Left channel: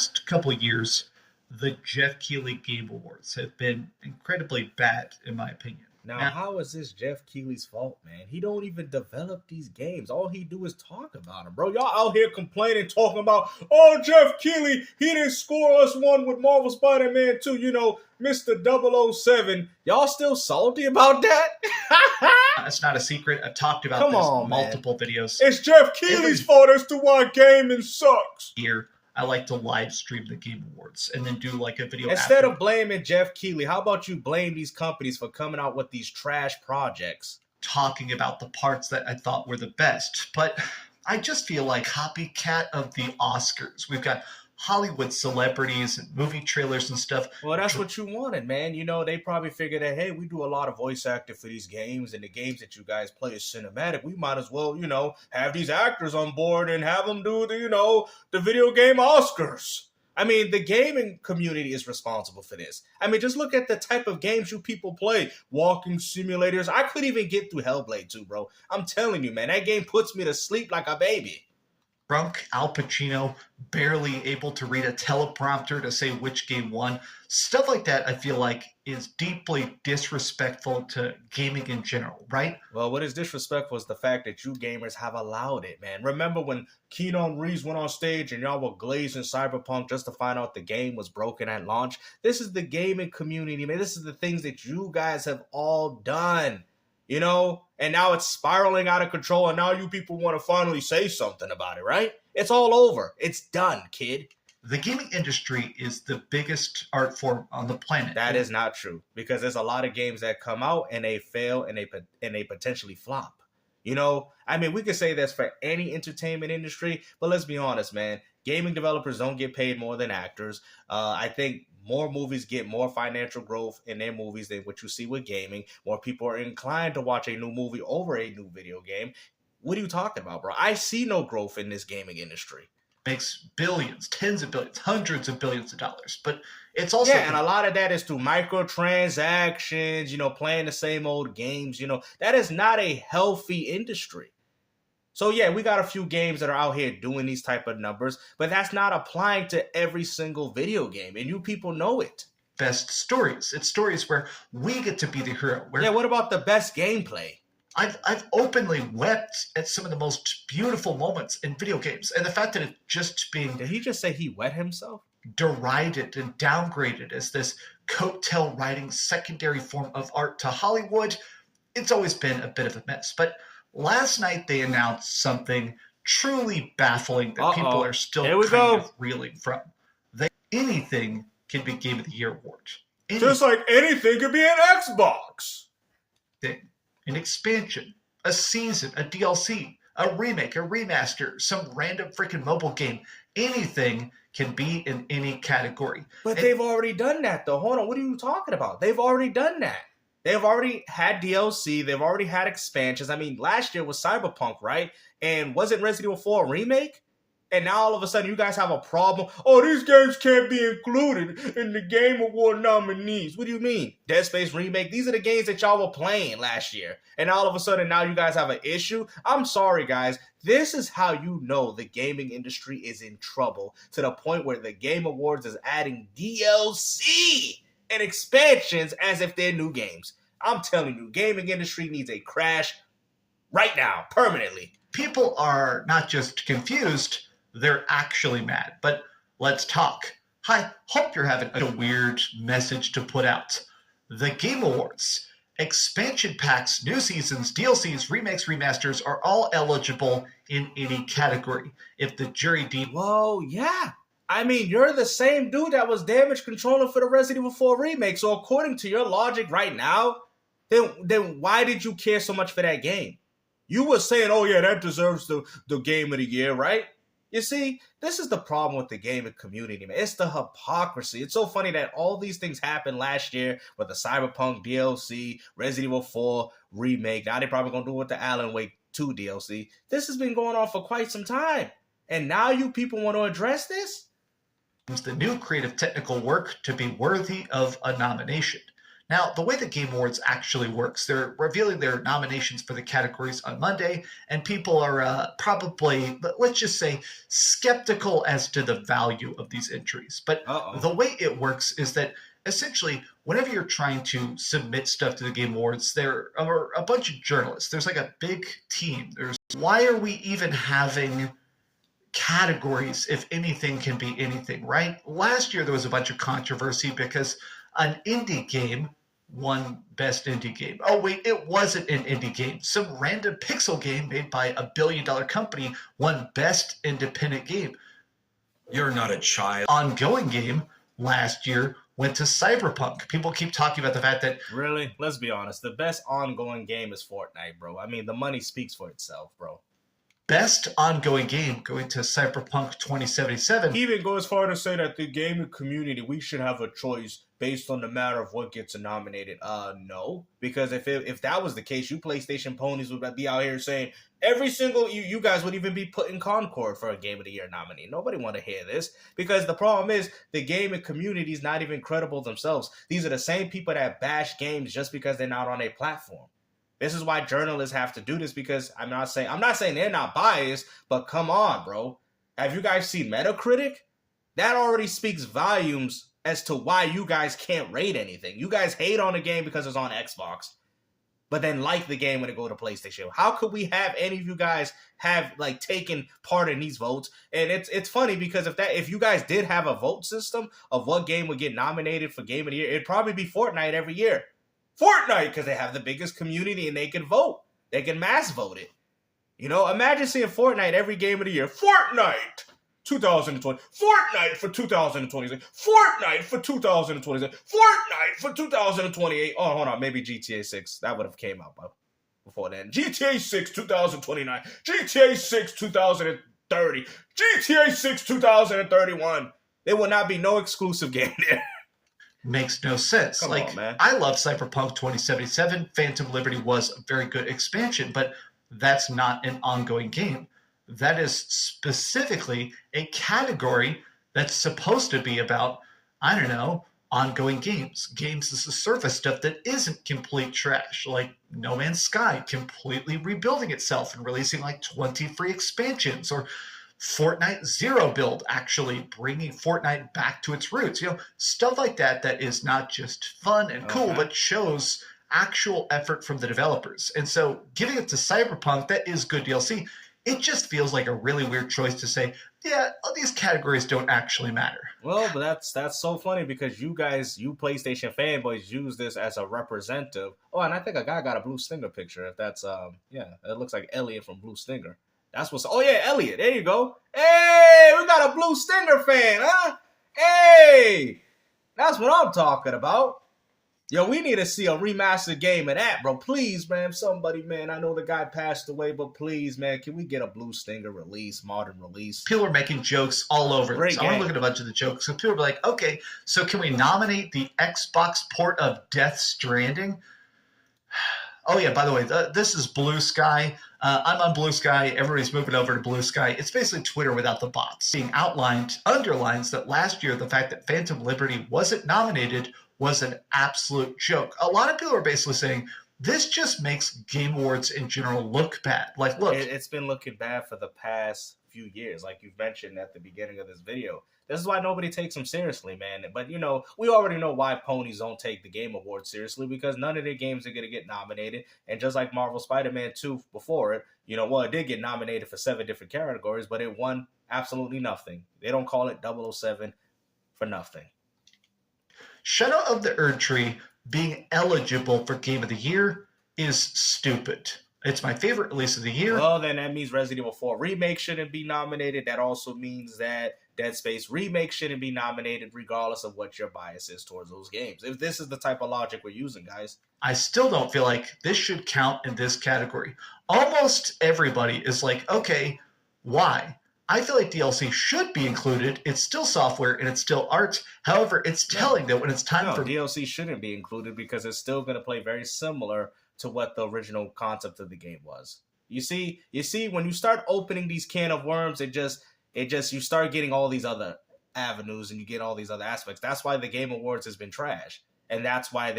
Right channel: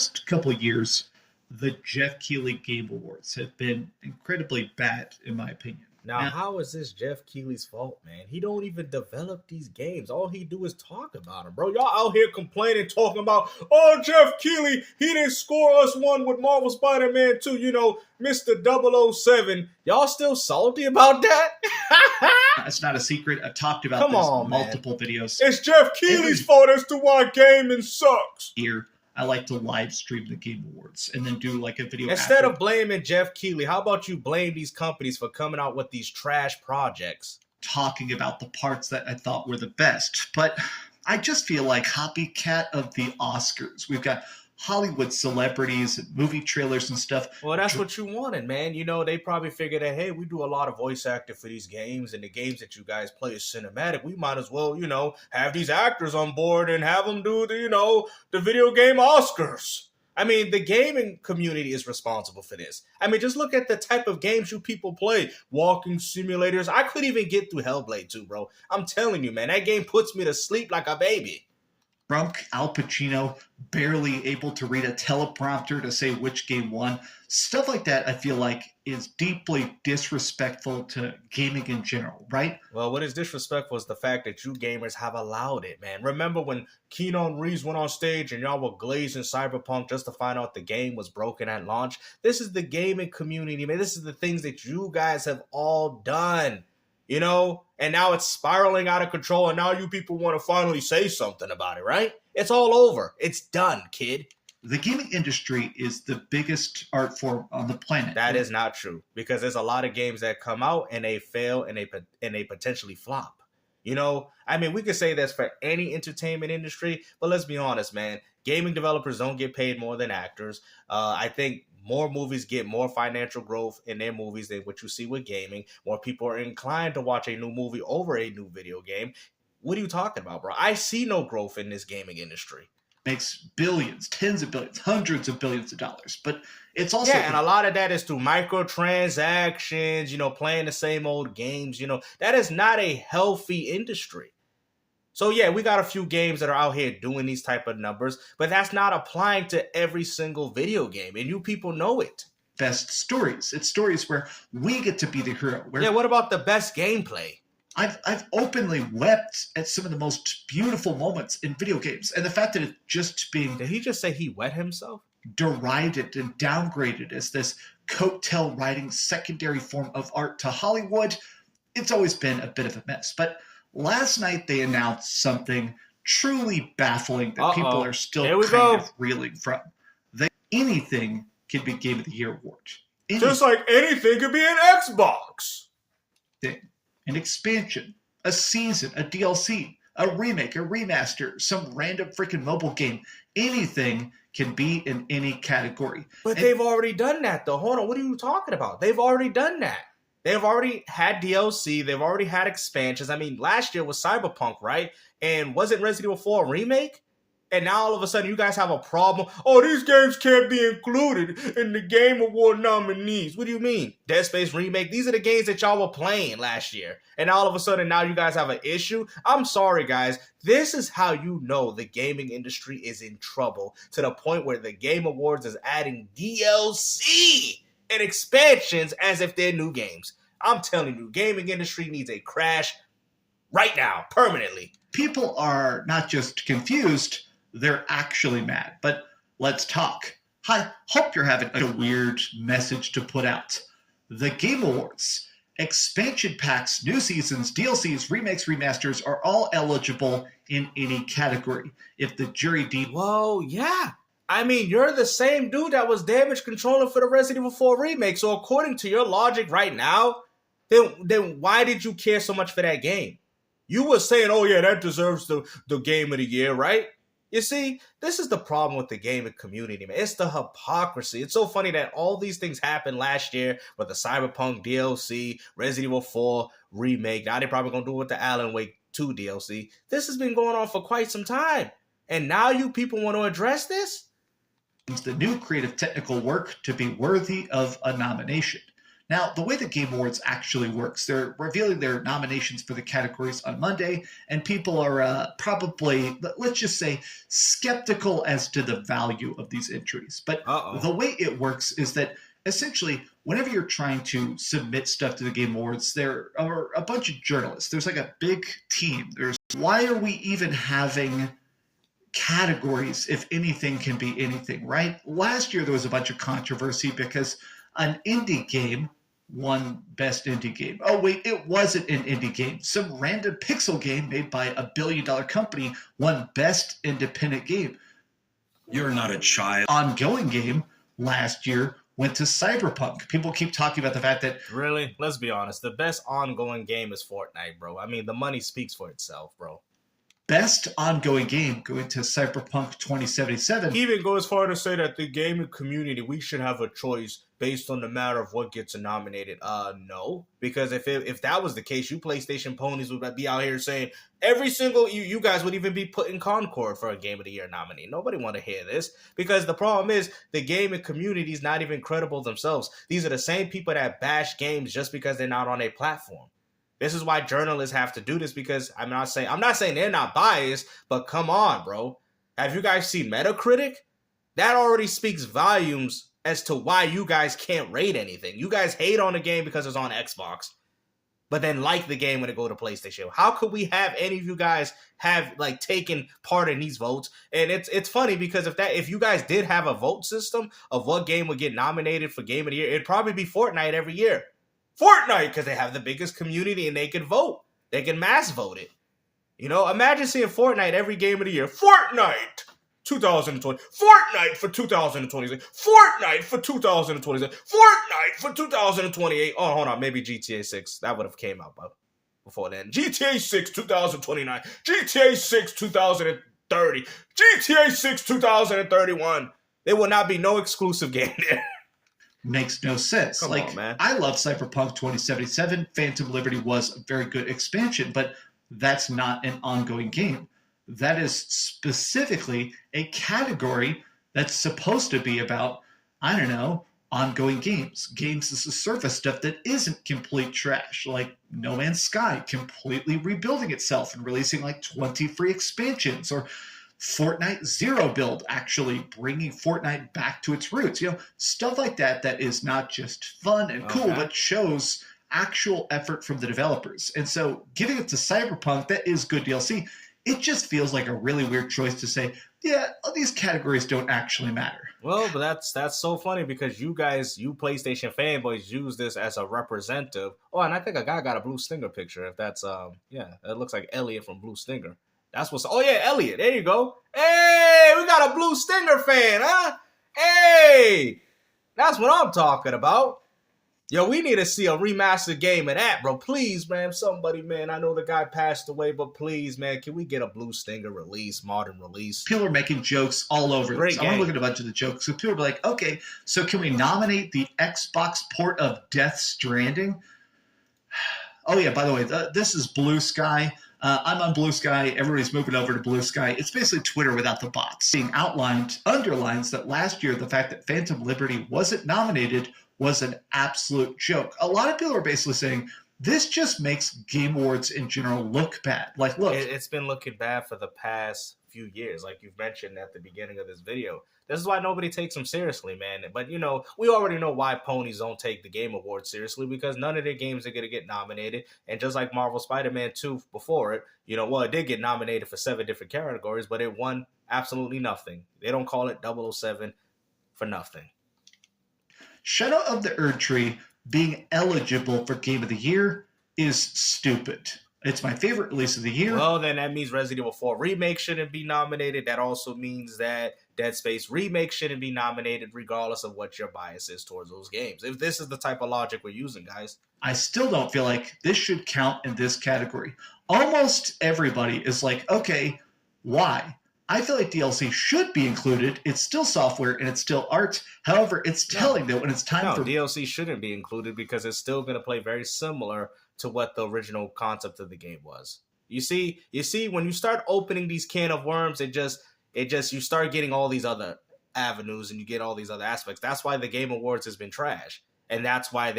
past couple of years, the Jeff Keighley Game Awards have been incredibly bad, in my opinion. Now, Now, how is this Jeff Keighley's fault, man? He don't even develop these games. All he do is talk about them, bro. Y'all out here complaining, talking about, oh, Jeff Keighley, he didn't score us one with Marvel Spider-Man 2, Mr. 007. Y'all still salty about that? that's not a secret. I've talked about Come this on, in man. multiple videos. It's Jeff Keighley's fault as to why gaming sucks. Here, I like to live stream the Game Awards and then do like a video Instead after, of blaming Jeff Keighley, how about you blame these companies for coming out with these trash projects? talking about the parts that I thought were the best. But I just feel like copycat of the Oscars. We've got Hollywood celebrities and movie trailers and stuff. Well, that's what you wanted, man. They probably figured that, hey, we do a lot of voice acting for these games, and the games that you guys play is cinematic. We might as well, have these actors on board and have them do the video game Oscars. I mean, the gaming community is responsible for this. I mean, just look at the type of games you people play. Walking simulators. I couldn't even get through Hellblade 2, bro. I'm telling you, man, that game puts me to sleep like a baby. Drunk Al Pacino, barely able to read a teleprompter to say which game won. Stuff like that, I feel like, is deeply disrespectful to gaming in general, right? Well, what is disrespectful is the fact that you gamers have allowed it, man. Remember when Keanu Reeves went on stage and y'all were glazing Cyberpunk just to find out the game was broken at launch? This is the gaming community, man. This is the things that you guys have all done. And now it's spiraling out of control, and now you people want to finally say something about it, right? It's all over. It's done, kid. The gaming industry is the biggest art form on the planet. That is not true, because there's a lot of games that come out and they fail and they potentially flop. I mean, we could say this for any entertainment industry, but let's be honest, man. Gaming developers don't get paid more than actors. I think more movies get more financial growth in their movies than what you see with gaming. More people are inclined to watch a new movie over a new video game. What are you talking about, bro? I see no growth in this gaming industry. Makes billions, tens of billions, hundreds of billions of dollars. But it's also... Yeah, and a lot of that is through microtransactions, playing the same old games. That is not a healthy industry. So yeah, we got a few games that are out here doing these type of numbers, but that's not applying to every single video game, and you people know it. Best stories. It's stories where we get to be the hero. Yeah, what about the best gameplay? I've openly wept at some of the most beautiful moments in video games, and the fact that it's just being... Did he just say he wet himself? Derided and downgraded as this coattail riding secondary form of art to Hollywood, it's always been a bit of a mess. But last night they announced something truly baffling that people are still reeling from. Anything can be Game of the Year award. Just like anything could be an Xbox. An expansion, a season, a DLC, a remake, a remaster, some random freaking mobile game. Anything can be in any category. But they've already done that, though. Hold on, what are you talking about? They've already done that. They've already had DLC. They've already had expansions. I mean, last year was Cyberpunk, right? And wasn't Resident Evil 4 a remake? And now all of a sudden you guys have a problem. Oh, these games can't be included in the Game Award nominees. What do you mean? Dead Space Remake? These are the games that y'all were playing last year. And all of a sudden now you guys have an issue? I'm sorry, guys. This is how you know the gaming industry is in trouble, to the point where the Game Awards is adding DLC and expansions as if they're new games. I'm telling you, gaming industry needs a crash right now, permanently. People are not just confused, they're actually mad. But let's talk. I hope you're having a weird message to put out. The Game Awards, expansion packs, new seasons, DLCs, remakes, remasters are all eligible in any category. If the jury deemed... Whoa, yeah. I mean, you're the same dude that was damage controlling for the Resident Evil 4 remake. So according to your logic right now, then why did you care so much for that game? You were saying, oh yeah, that deserves the Game of the Year, right? You see, this is the problem with the gaming community, man. It's the hypocrisy. It's so funny that all these things happened last year with the Cyberpunk DLC, Resident Evil 4 remake. Now they're probably going to do it with the Alan Wake 2 DLC. This has been going on for quite some time. And now you people want to address this? the new creative technical work to be worthy of a nomination. Now, the way the Game Awards actually works, they're revealing their nominations for the categories on Monday, and people are probably, let's just say, skeptical as to the value of these entries. But the way it works is that essentially, whenever you're trying to submit stuff to the Game Awards, there are a bunch of journalists. There's like a big team. Why are we even having categories if anything can be anything, right? Last year there was a bunch of controversy because an indie game won best indie game. Oh wait, it wasn't an indie game. Some random pixel game made by $1 billion company won best independent game. You're not a child. Ongoing game last year went to Cyberpunk. People keep talking about the fact that... Really? Let's be honest. The best ongoing game is Fortnite, bro. I mean, the money speaks for itself, bro. Best ongoing game going to Cyberpunk 2077. He even goes far to say that the gaming community, we should have a choice based on the matter of what gets nominated. No. Because if that was the case, you PlayStation ponies would be out here saying every single... You guys would even be putting Concord for a Game of the Year nominee. Nobody want to hear this. Because the problem is, the gaming community is not even credible themselves. These are the same people that bash games just because they're not on a platform. This is why journalists have to do this, because I'm not saying they're not biased, but come on, bro. Have you guys seen Metacritic? That already speaks volumes as to why you guys can't rate anything. You guys hate on the game because it's on Xbox, but then like the game when it go to PlayStation. How could we have any of you guys have like taken part in these votes? And it's funny because if you guys did have a vote system of what game would get nominated for Game of the Year, it'd probably be Fortnite every year. Fortnite, because they have the biggest community and they can vote. They can mass vote it. You know, imagine seeing Fortnite every Game of the Year. Fortnite 2020. Fortnite for 2026. Fortnite for 2026. Fortnite for 2028. Oh, hold on. Maybe GTA 6. That would have came out before then. GTA 6 2029. GTA 6 2030. GTA 6 2031. There will not be no exclusive game there. Makes no sense. Come on, man. I love Cyberpunk 2077. Phantom Liberty was a very good expansion, but that's not an ongoing game. That is specifically a category that's supposed to be about, I don't know, ongoing games. Games as a service stuff that isn't complete trash, like No Man's Sky completely rebuilding itself and releasing like 20 free expansions, or Fortnite Zero Build actually bringing Fortnite back to its roots. You know, stuff like that that is not just fun and cool, but shows actual effort from the developers. And so giving it to Cyberpunk, that is good DLC. It just feels like a really weird choice to say, yeah, these categories don't actually matter. Well, but that's so funny because you PlayStation fanboys use this as a representative. Oh, and I think a guy got a Blue Stinger picture. If that's it looks like Elliot from Blue Stinger. That's what's... Oh, yeah, Elliot. There you go. Hey, we got a Blue Stinger fan, huh? Hey, that's what I'm talking about. Yo, we need to see a remastered game of that, bro. Please, man. Somebody, man. I know the guy passed away, but please, man, can we get a Blue Stinger release, modern release? People are making jokes all over this. I want to look at a bunch of the jokes. So people are like, okay, so can we nominate the Xbox port of Death Stranding? Oh, yeah, by the way, this is Blue Sky. I'm on Blue Sky. Everybody's moving over to Blue Sky. It's basically Twitter without the bots. Being underlines that last year, the fact that Phantom Liberty wasn't nominated was an absolute joke. A lot of people are basically saying, this just makes Game Awards in general look bad. Like, look. It's been looking bad for the past few years, like you've mentioned at the beginning of this video. This is why nobody takes them seriously, man. But, you know, we already know why ponies don't take the Game Awards seriously, because none of their games are going to get nominated. And just like Marvel Spider-Man 2 before it, you know, well, it did get nominated for 7 different categories, but it won absolutely nothing. They don't call it 007 for nothing. Shadow of the Erdtree being eligible for Game of the Year is stupid. It's my favorite release of the year. Well, then that means Resident Evil 4 Remake shouldn't be nominated. That also means that Dead Space Remake shouldn't be nominated, regardless of what your bias is towards those games. If this is the type of logic we're using, guys. I still don't feel like this should count in this category. Almost everybody is like, okay, why? I feel like DLC should be included. It's still software and it's still art. However, it's telling that when it's time for... DLC shouldn't be included because it's still going to play very similar to what the original concept of the game was. You see, when you start opening these can of worms, it just you start getting all these other avenues and you get all these other aspects. That's why the Game Awards has been trash. And that's why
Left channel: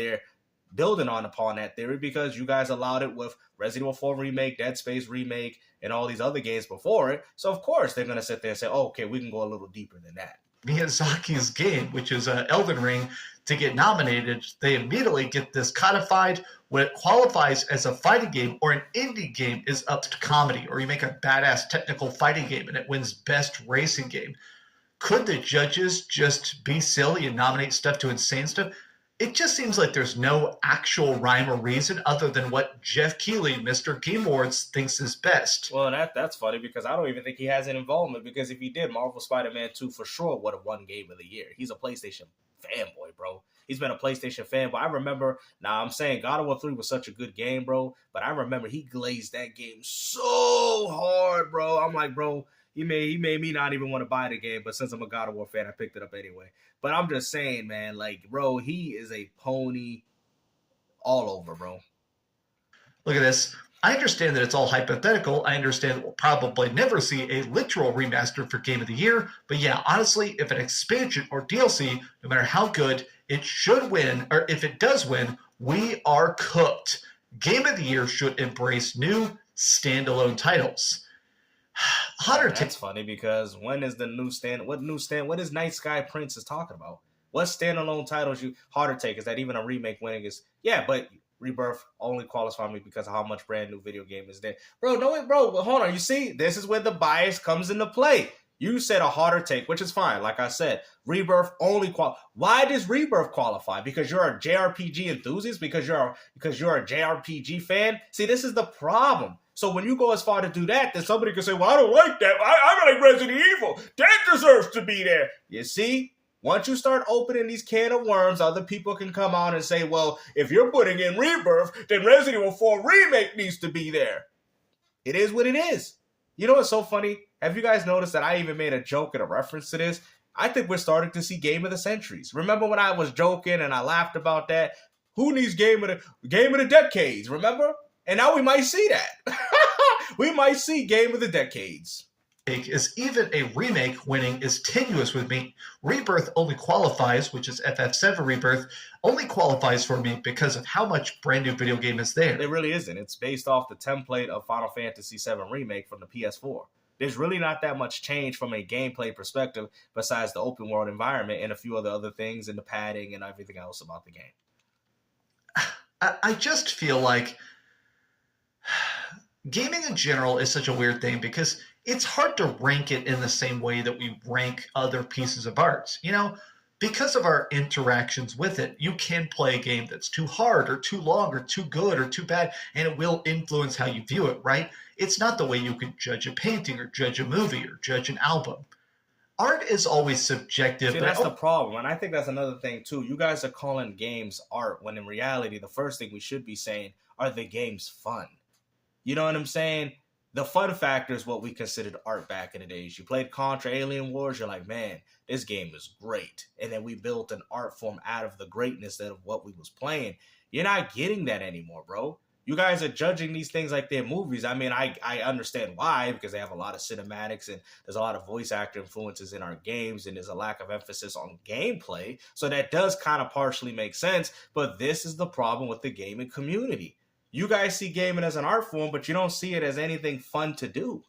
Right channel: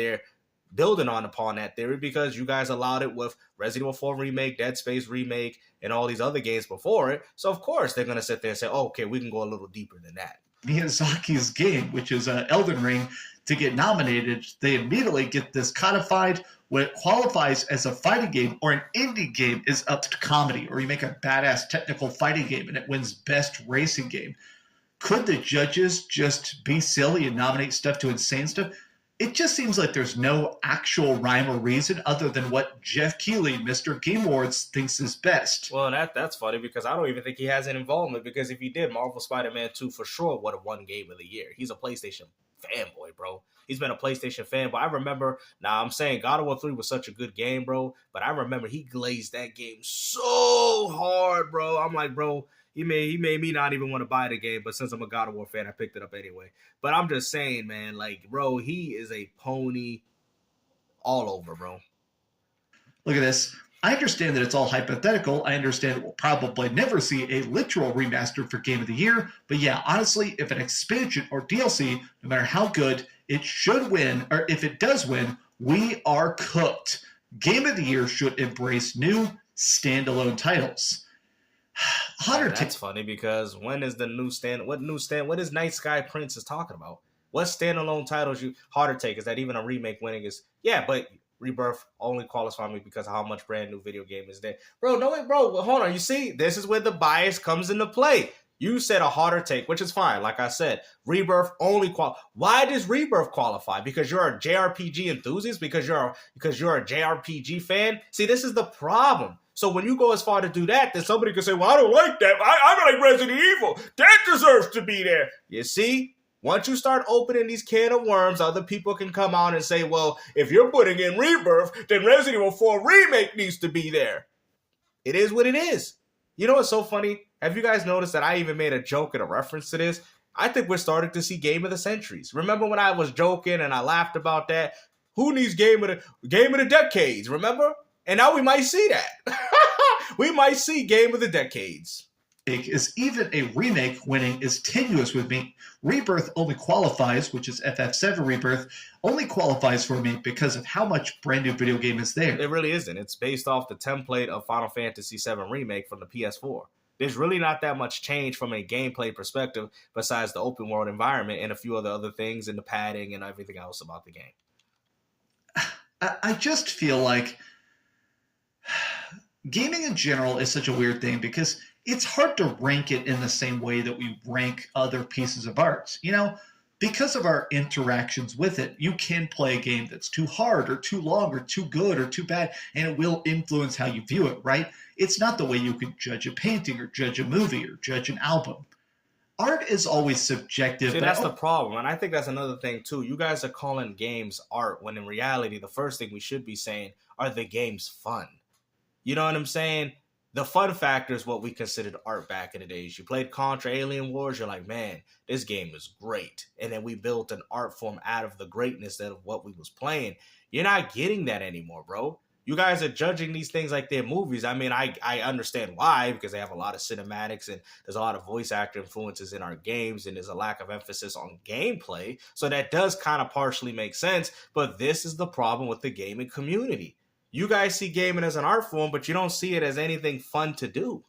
building upon that theory because you guys allowed it with Resident Evil 4 Remake, Dead Space Remake, and all these other games before it. So, of course, they're going to sit there and say, oh, okay, we can go a little deeper than that. Miyazaki's game, which is Elden Ring, to get nominated, they immediately get this codified. When it qualifies as a fighting game or an indie game is up to comedy, or you make a badass technical fighting game and it wins best racing game. Could the judges just be silly and nominate stuff to insane stuff? It just seems like there's no actual rhyme or reason other than what Jeff Keighley, Mr. Game Awards, thinks is best. Well, that's funny because I don't even think he has an involvement, because if he did, Marvel Spider-Man 2 for sure would have won Game of the Year. He's a PlayStation fanboy, bro. He's been a PlayStation fanboy. I remember, I'm saying God of War 3 was such a good game, bro, but I remember he glazed that game so hard, bro. I'm like, bro, he made me not even want to buy the game, but since I'm a God of War fan, I picked it up anyway. But I'm just saying, man, like, bro, he is a pony all over, bro. Look at this. I understand that it's all hypothetical. I understand that we'll probably never see a literal remaster for Game of the Year. But yeah, honestly, if an expansion or DLC, no matter how good, it should win, or if it does win, we are cooked. Game of the Year should embrace new standalone titles. That's funny because when is the new what is Night Sky Prince is talking about? What standalone titles harder take? Is that even a remake winning is? Yeah, but Rebirth only qualifies me because of how much brand new video game is there. Bro, no, bro, hold on. You see, this is where the bias comes into play. You said a harder take, which is fine. Like I said, Rebirth only Why does Rebirth qualify? Because you're a JRPG enthusiast? Because you're a JRPG fan? See, this is the problem. So when you go as far to do that, then somebody could say, well, I don't like that. I like Resident Evil. That deserves to be there. You see? Once you start opening these can of worms, other people can come out and say, well, if you're putting in Rebirth, then Resident Evil 4 Remake needs to be there. It is what it is. You know what's so funny? Have you guys noticed that I even made a joke and a reference to this? I think we're starting to see Game of the Centuries. Remember when I was joking and I laughed about that? Who needs Game of the Decades, remember? And now we might see that. We might see Game of the Decades. Is even a remake winning is tenuous with me. Rebirth only qualifies, which is FF7 Rebirth, only qualifies for me because of how much brand new video game is there. It really isn't. It's based off the template of Final Fantasy VII Remake from the PS4. There's really not that much change from a gameplay perspective besides the open world environment and a few other things and the padding and everything else about the game. I just feel like gaming in general is such a weird thing because it's hard to rank it in the same way that we rank other pieces of art. You know, because of our interactions with it, you can play a game that's too hard or too long or too good or too bad, and it will influence how you view it, right? It's not the way you could judge a painting or judge a movie or judge an album. Art is always subjective. See, that's the problem, and I think that's another thing, too. You guys are calling games art when in reality, the first thing we should be saying, are the games fun? You know what I'm saying? The fun factor is what we considered art back in the days. You played Contra Alien Wars, you're like, man, this game is great. And then we built an art form out of the greatness of what we was playing. You're not getting that anymore, bro. You guys are judging these things like they're movies. I mean, I understand why, because they have a lot of cinematics and there's a lot of voice actor influences in our games and there's a lack of emphasis on gameplay. So that does kind of partially make sense. But this is the problem with the gaming community. You guys see gaming as an art form, but you don't see it as anything fun to do.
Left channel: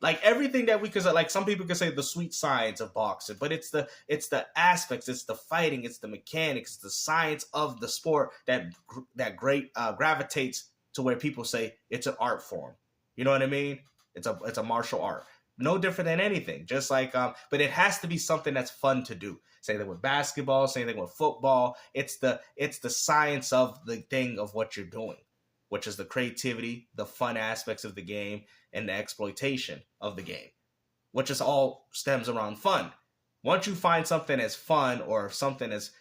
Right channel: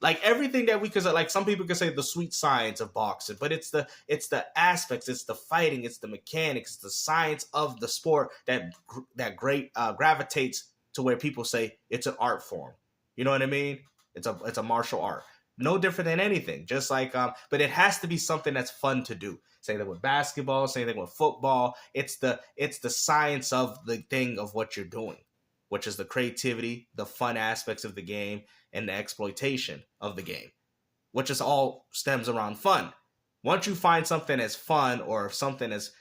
Like everything that we could, like some people could say the sweet science of boxing, but it's the aspects, it's the fighting, it's the mechanics, it's the science of the sport that gravitates to where people say it's an art form. You know what I mean? It's a martial art, no different than anything. Just like, but it has to be something that's fun to do. Same thing with basketball, same thing with football. It's the science of the thing of what you're doing, which is the creativity, the fun aspects of the game, and the exploitation of the game, which is all stems around fun. Once you find something as fun or something as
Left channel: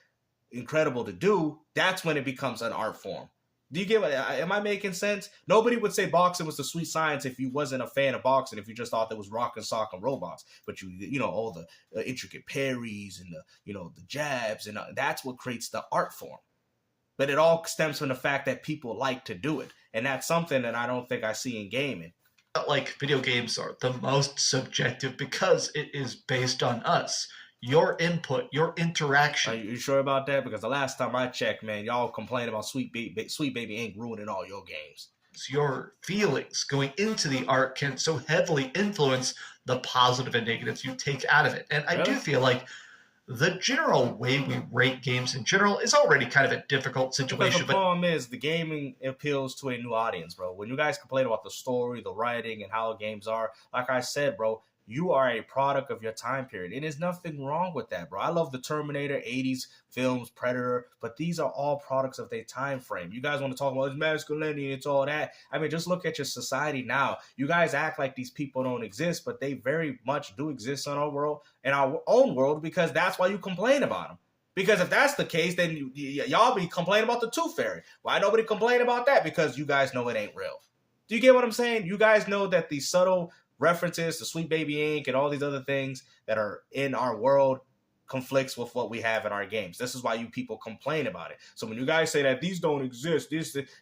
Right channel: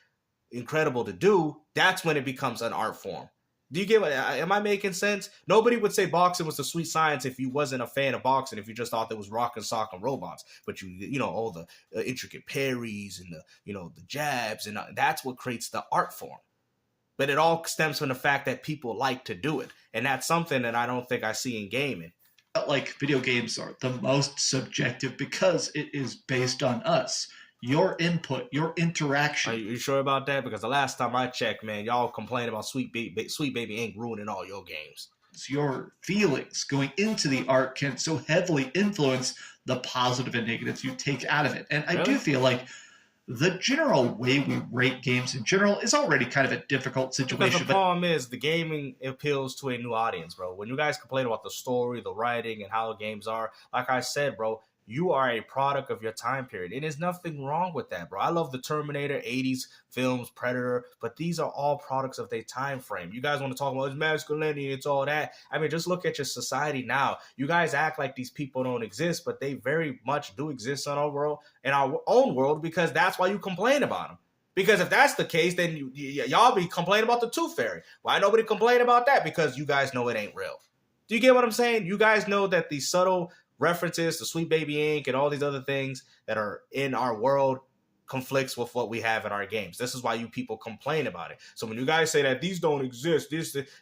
incredible to do, that's when it becomes an art form. Do you get what? Am I making sense? Nobody would say boxing was the sweet science if you wasn't a fan of boxing, if you just thought there was rock and sock and robots. But you know, all the intricate parries and the jabs, and that's what creates the art form. But it all stems from the fact that people like to do it. And that's something that I don't think I see in gaming. Like video games are the most subjective because it is based on us. your input, your interaction. Are you sure about that? Because the last time I checked, man, y'all complained about Sweet Baby Inc. ruining all your games. Your feelings going into the art can so heavily influence the positive and negatives you take out of it. And I do feel like the general way we rate games in general is already kind of a difficult situation. Because the problem is the gaming appeals to a new audience, bro. When you guys complain about the story, the writing, and how the games are, like I said, bro, you are a product of your time period. And there's nothing wrong with that, bro. I love the Terminator, 80s films, Predator, but these are all products of their time frame. You guys want to talk about it's masculinity, it's all that. I mean, just look at your society now. You guys act like these people don't exist, but they very much do exist in our world, in our own world, because that's why you complain about them. Because if that's the case, then y'all be complaining about the Tooth Fairy. Why nobody complain about that? Because you guys know it ain't real. Do you get what I'm saying? You guys know that the subtle references to Sweet Baby Inc. and all these other things that are in our world conflicts with what we have in our games. This is why you people complain about it. So when you guys say that these don't exist,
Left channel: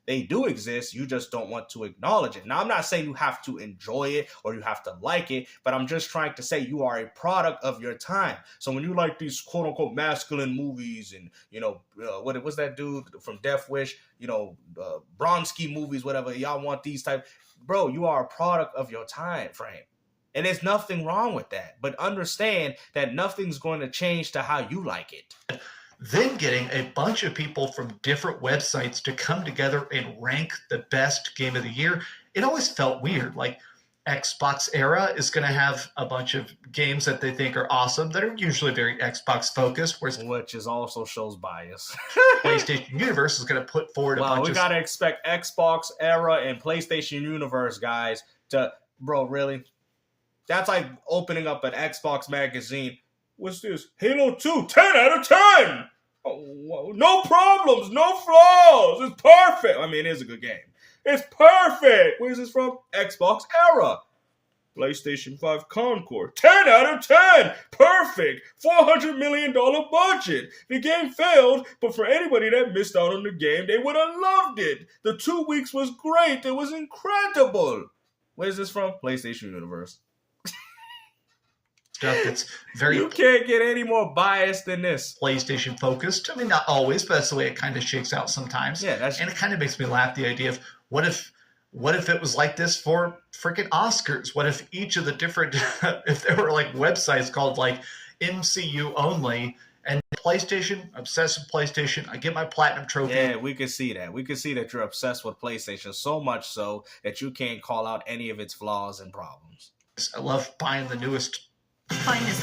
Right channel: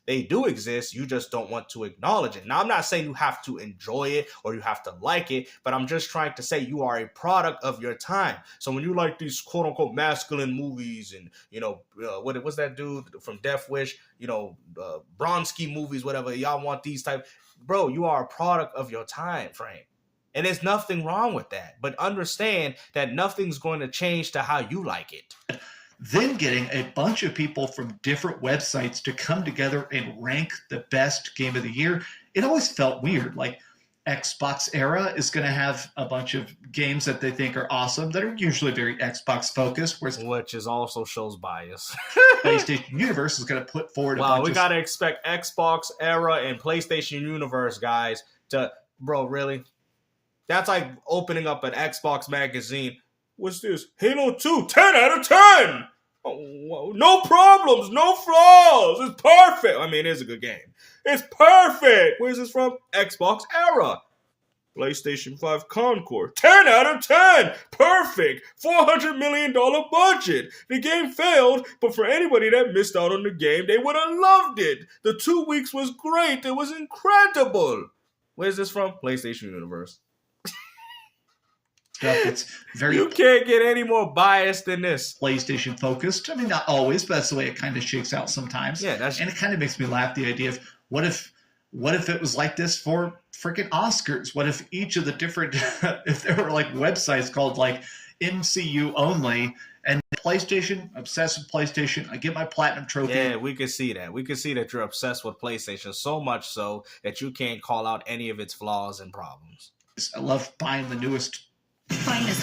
they do exist, you just don't want to acknowledge it. Now, I'm not saying you have to enjoy it or you have to like it, but I'm just trying to say you are a product of your time. So when you like these quote unquote masculine movies and, you know, what was that dude from Death Wish, you know, Bronski movies, whatever, y'all want these type. Bro, you are a product of your time frame. And there's nothing wrong with that. But understand that nothing's going to change to how you like it. Then getting a bunch of people from different websites to come together and rank the best game of the year, it always felt weird. Like, Xbox Era is going to have a bunch of games that they think are awesome that are usually very Xbox focused, which is also shows bias. PlayStation Universe is going to put forward a bunch we got to expect Xbox Era and PlayStation Universe guys to, bro, really? That's like opening up an Xbox magazine. What's this? Halo 2, 10 out of 10! Oh, no problems, no flaws. It's perfect. I mean, it is a good game. It's perfect. Where's this from? Xbox Era. PlayStation 5 Concord. 10 out of 10. Perfect. $400 million budget. The game failed, but for anybody that missed out on the game, they would have loved it. The 2 weeks was great. It was incredible. Where's this from? PlayStation Universe. It's very you can't get any more biased than this. PlayStation focused. I mean, not always, but that's the way it kind of shakes out sometimes. Yeah, and it kind of makes me laugh, the idea of what if it was like this for freaking Oscars? What if each of the different if there were like websites called like MCU only and PlayStation, obsessed with PlayStation, I get my platinum trophy. Yeah, we could see that. We could see that you're obsessed with PlayStation so much so that you can't call out any of its flaws and problems. I love buying the newest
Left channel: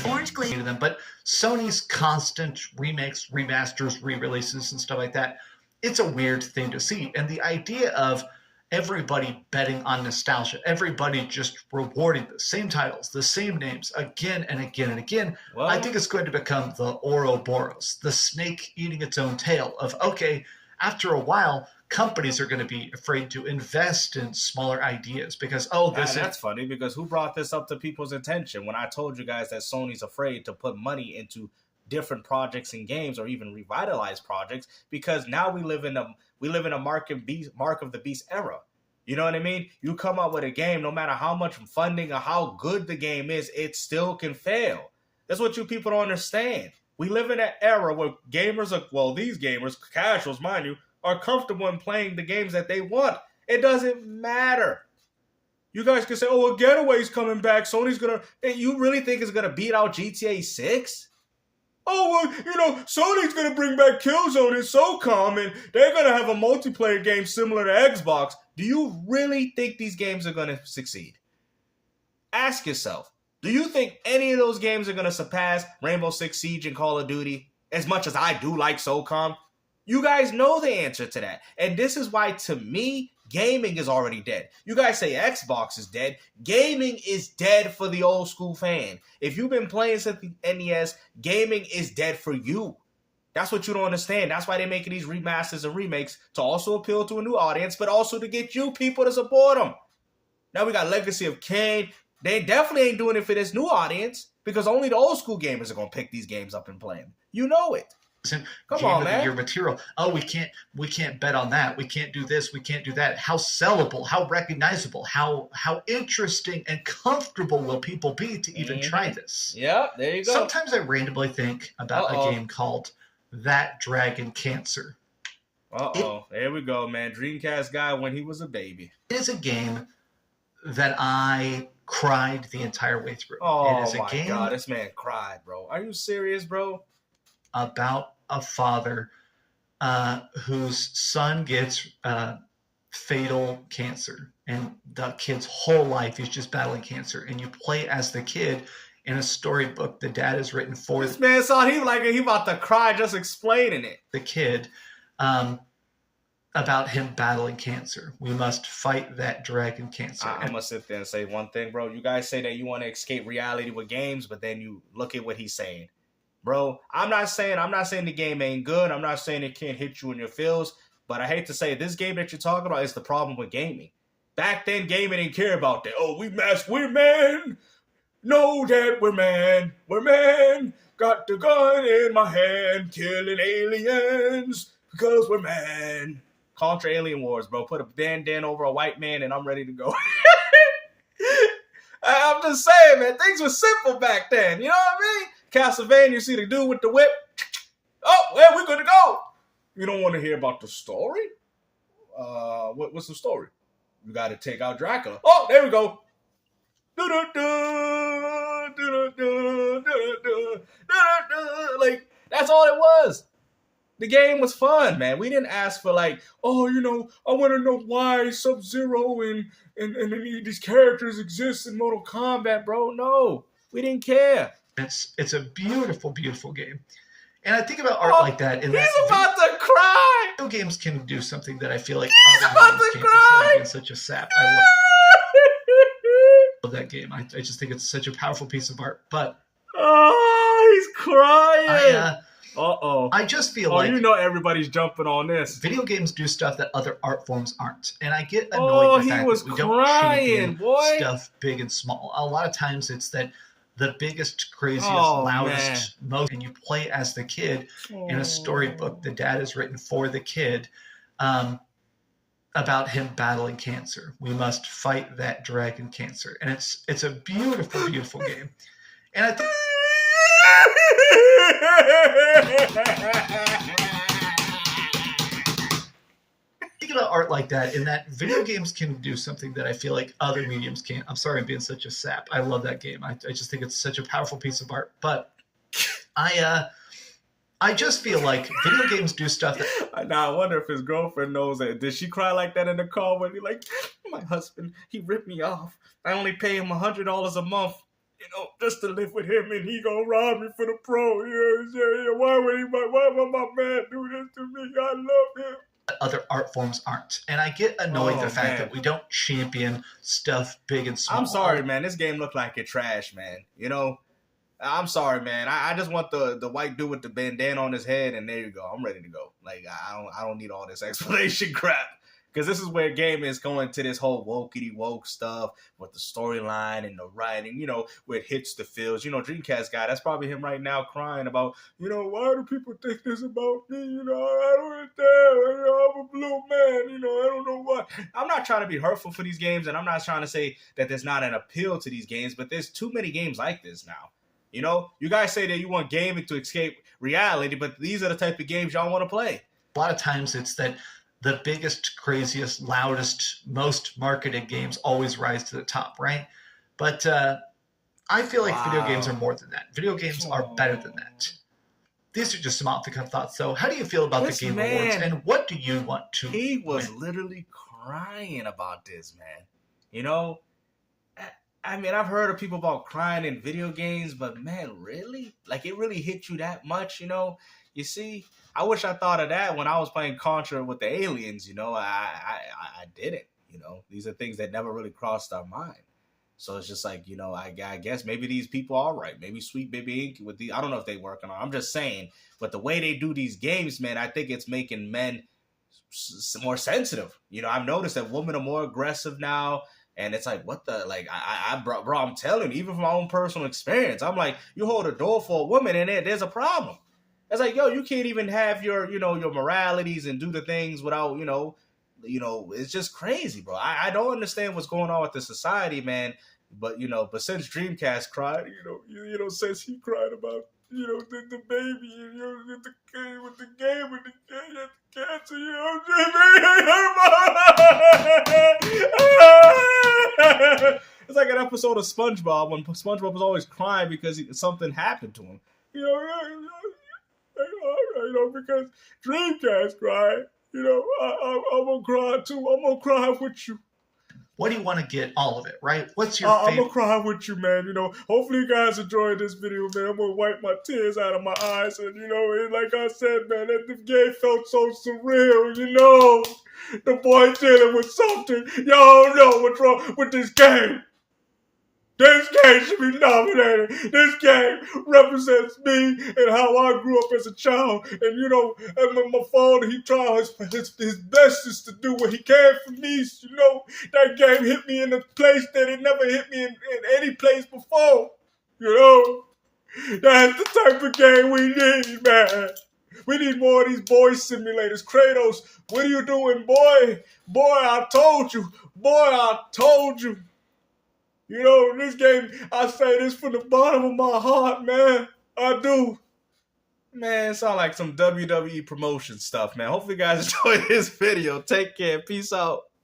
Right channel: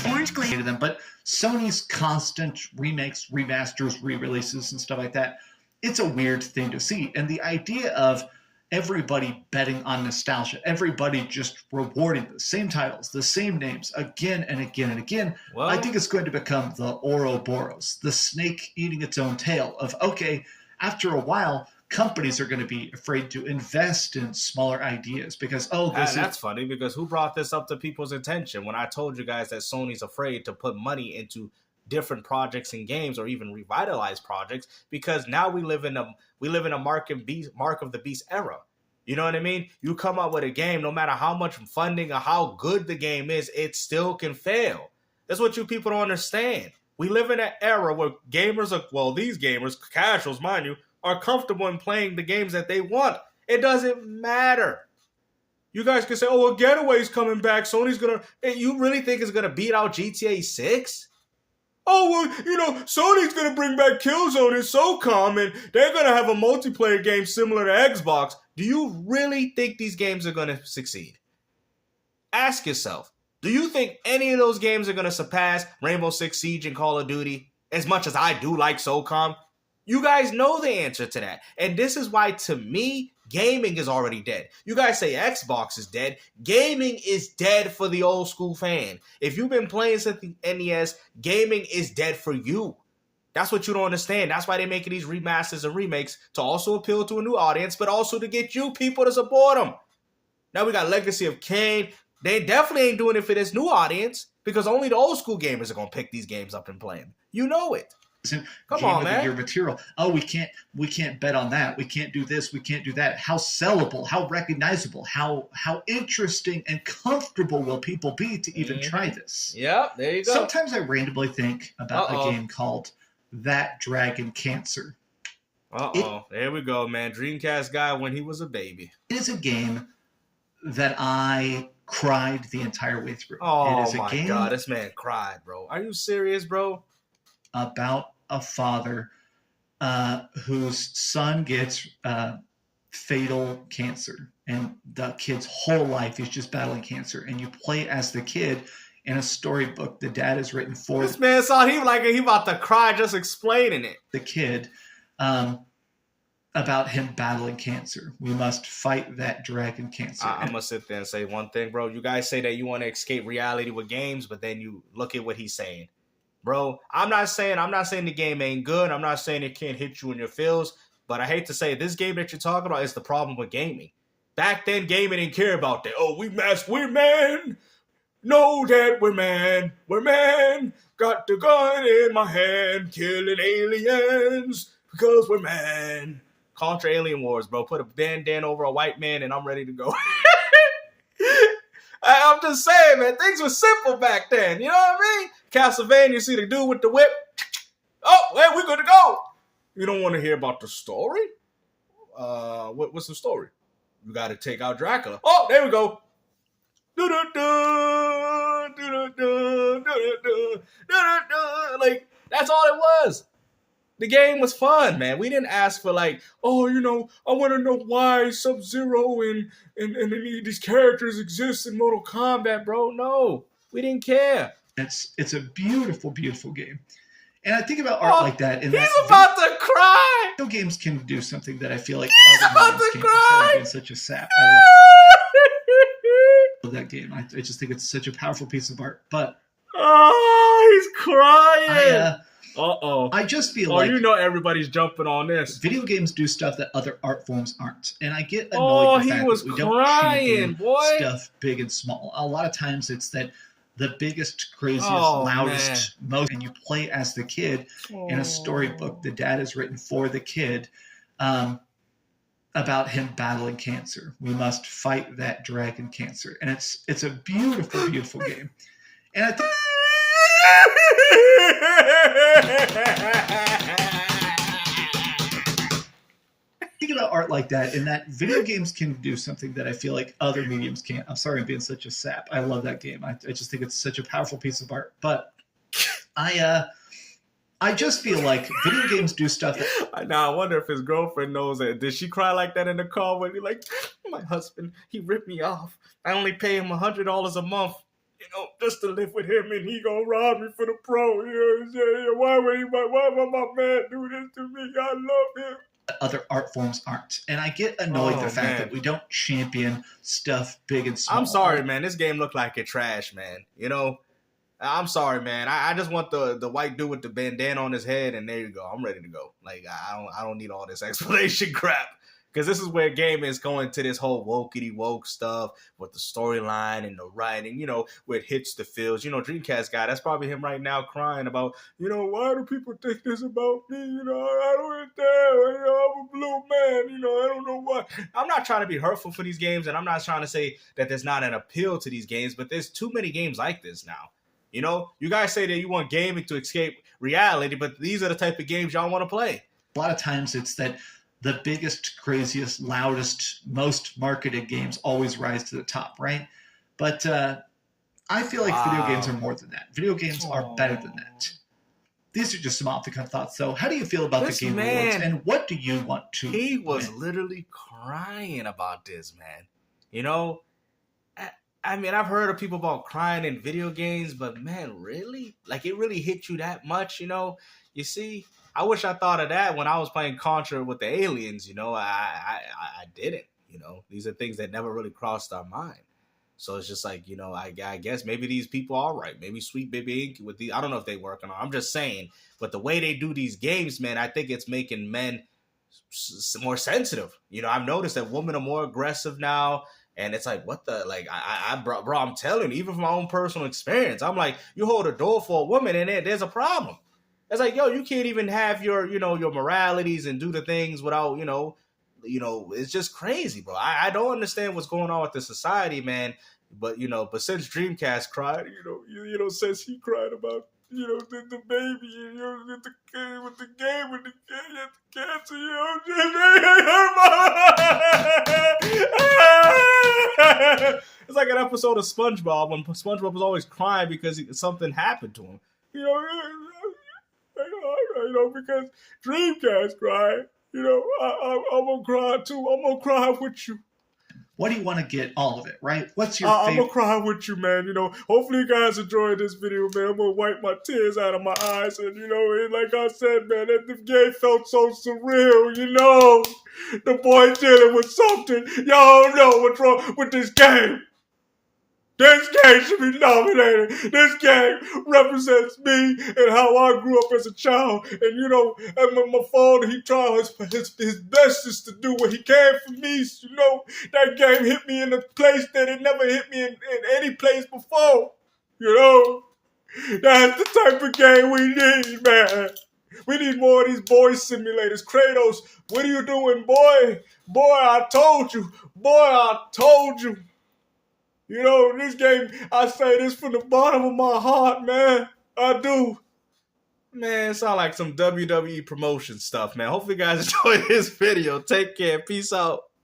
orange glazed them, but Sony's constant remakes, remasters, re-releases, and stuff like that, it's a weird thing to see. And the idea of everybody betting on nostalgia, everybody just rewarding the same titles, the same names again and again and again, well, I think it's going to become the Ouroboros, the snake eating its own tail of, okay, after a while, companies are going to be afraid to invest in smaller ideas because, that's funny because who brought this up to people's attention when I told you guys that Sony's afraid to put money into different projects and games or even revitalize projects because now we live in a mark of the beast era. You know what I mean? You come up with a game, no matter how much funding or how good the game is, it still can fail. That's what you people don't understand. We live in an era where these gamers, casuals, mind you, are comfortable in playing the games that they want. It doesn't matter. You guys can say, Getaway's coming back. Sony's gonna... You really think it's gonna beat out GTA 6? Sony's gonna bring back Killzone and SOCOM, and they're gonna have a multiplayer game similar to Xbox. Do you really think these games are gonna succeed? Ask yourself, do you think any of those games are gonna surpass Rainbow Six Siege and Call of Duty? As much as I do like SOCOM, you guys know the answer to that. And this is why, to me, gaming is already dead. You guys say Xbox is dead. Gaming is dead for the old school fan. If you've been playing since the NES, gaming is dead for you. That's what you don't understand. That's why they're making these remasters and remakes to also appeal to a new audience, but also to get you people to support them. Now we got Legacy of Kain. They definitely ain't doing it for this new audience because only the old school gamers are going to pick these games up and play them. You know it. Come game on, of the man. year material. Oh, we can't bet on that. We can't do this. We can't do that. How sellable? How recognizable? How interesting and comfortable will people be to even try this? Yep, there you go. Sometimes I randomly think about a game called That Dragon Cancer. There we go, man. Dreamcast guy when he was a baby. It is a game that I cried the entire way through. Oh it is a my game god, this man cried, bro. Are you serious, bro? about a father whose son gets fatal cancer, and the kid's whole life is just battling cancer, and you play as the kid in a storybook the dad has written for this man saw he about to cry just explaining it. The kid about him battling cancer. We must fight that dragon cancer. I'm gonna sit there and say one thing, bro. You guys say that you want to escape reality with games, but then you look at what he's saying. Bro, I'm not saying the game ain't good. I'm not saying it can't hit you in your feels, but I hate to say it, this game that you're talking about is the problem with gaming. Back then, gaming didn't care about that. Oh, we're man. Know that we're man. We're man. Got the gun in my hand, killing aliens because we're man. Contra Alien Wars, bro. Put a Dan over a white man, and I'm ready to go. I'm just saying, man. Things were simple back then. You know what I mean? Castlevania, see the dude with the whip. Oh, well, we're good to go. You don't want to hear about the story? What's the story? You got to take out Dracula. Oh, there we go. Like, that's all it was. The game was fun, man. We didn't ask for like, oh, you know, I want to know why Sub-Zero and these characters exist in Mortal Kombat, bro. No, we didn't care. It's a beautiful, beautiful game. And I think about art like that. He's about to cry. Video games can do something that I feel like he's about to cry. Being such a sap. I love that game. I just think it's such a powerful piece of art. But he's crying. I just feel like you know everybody's jumping on this. Video games do stuff that other art forms aren't, and I get annoyed. He was crying, boy. Stuff big and small. A lot of times it's that the biggest, craziest, loudest, most, and you play as the kid in a storybook the dad has written for the kid about him battling cancer. We must fight that dragon cancer, and it's a beautiful, beautiful game. And I think about art like that, in that video games can do something that I feel like other mediums can't. I'm sorry I'm being such a sap. I love that game. I just think it's such a powerful piece of art. But I just feel like video games do stuff that... Now I wonder if his girlfriend knows it. Did she cry like that in the car when he like, my husband, he ripped me off. I only pay him $100 a month, you know, just to live with him, and he gonna rob me for the pro. Yeah. Why would my man do this to me? I love him. Other art forms aren't, and I get annoyed the fact that we don't champion stuff big and small. I'm sorry, man. This game looked like it trash, man. You know, I'm sorry, man. I just want the white dude with the bandana on his head, and there you go. I'm ready to go. Like I don't need all this explanation crap. Because this is where game is going to this whole wokey woke stuff with the storyline and the writing, you know, where it hits the feels. You know, Dreamcast guy, that's probably him right now crying about, you know, why do people think this about me? You know, I don't understand. You know, I'm a blue man. You know, I don't know why. I'm not trying to be hurtful for these games, and I'm not trying to say that there's not an appeal to these games, but there's too many games like this now. You know, you guys say that you want gaming to escape reality, but these are the type of games y'all want to play. A lot of times it's that the biggest, craziest, loudest, most marketed games always rise to the top, right? But I feel like video games are more than that. Video games are better than that. These are just some off-the-cuff thoughts, though. How do you feel about the Game Awards, and what do you want to He was win? literally crying about this, man. You know, I mean, I've heard of people about crying in video games, but man, really? Like, it really hit you that much, you know? You see, I wish I thought of that when I was playing Contra with the aliens, you know. I didn't, you know. These are things that never really crossed our mind. So it's just like, you know, I guess maybe these people are right. Maybe Sweet Baby Inc. with the, I don't know if they working on. I'm just saying, but the way they do these games, man, I think it's making men more sensitive. You know, I've noticed that women are more aggressive now. And it's like, what the, like, bro, I'm telling you, even from my own personal experience, I'm like, you hold a door for a woman and there's a problem. It's like, yo, you can't even have your, your moralities and do the things without, it's just crazy, bro. I don't understand what's going on with the society, man. But but since Dreamcast cried, since he cried about, the baby, with the game, with the game, with the cancer, it's like an episode of SpongeBob when SpongeBob was always crying because something happened to him. Because Dreamcast cried. I'm gonna cry too. I'm gonna cry with you. What do you want to get all of it, right? What's your I'm favorite? gonna cry with you, man. Hopefully you guys enjoyed this video, man. I'm gonna wipe my tears out of my eyes, and and like I said, man, the game felt so surreal. The boy dealing with something. Y'all don't know what's wrong with this game. This game should be nominated. This game represents me and how I grew up as a child. And and my father, he tried his bestest to do what he can for me. That game hit me in a place that it never hit me in any place before. That's the type of game we need, man. We need more of these boy simulators. Kratos, what are you doing, boy? Boy, I told you. Boy, I told you. This game, I say this from the bottom of my heart, man. I do. Man, it sounds like some WWE promotion stuff, man. Hopefully you guys enjoyed this video. Take care. Peace out.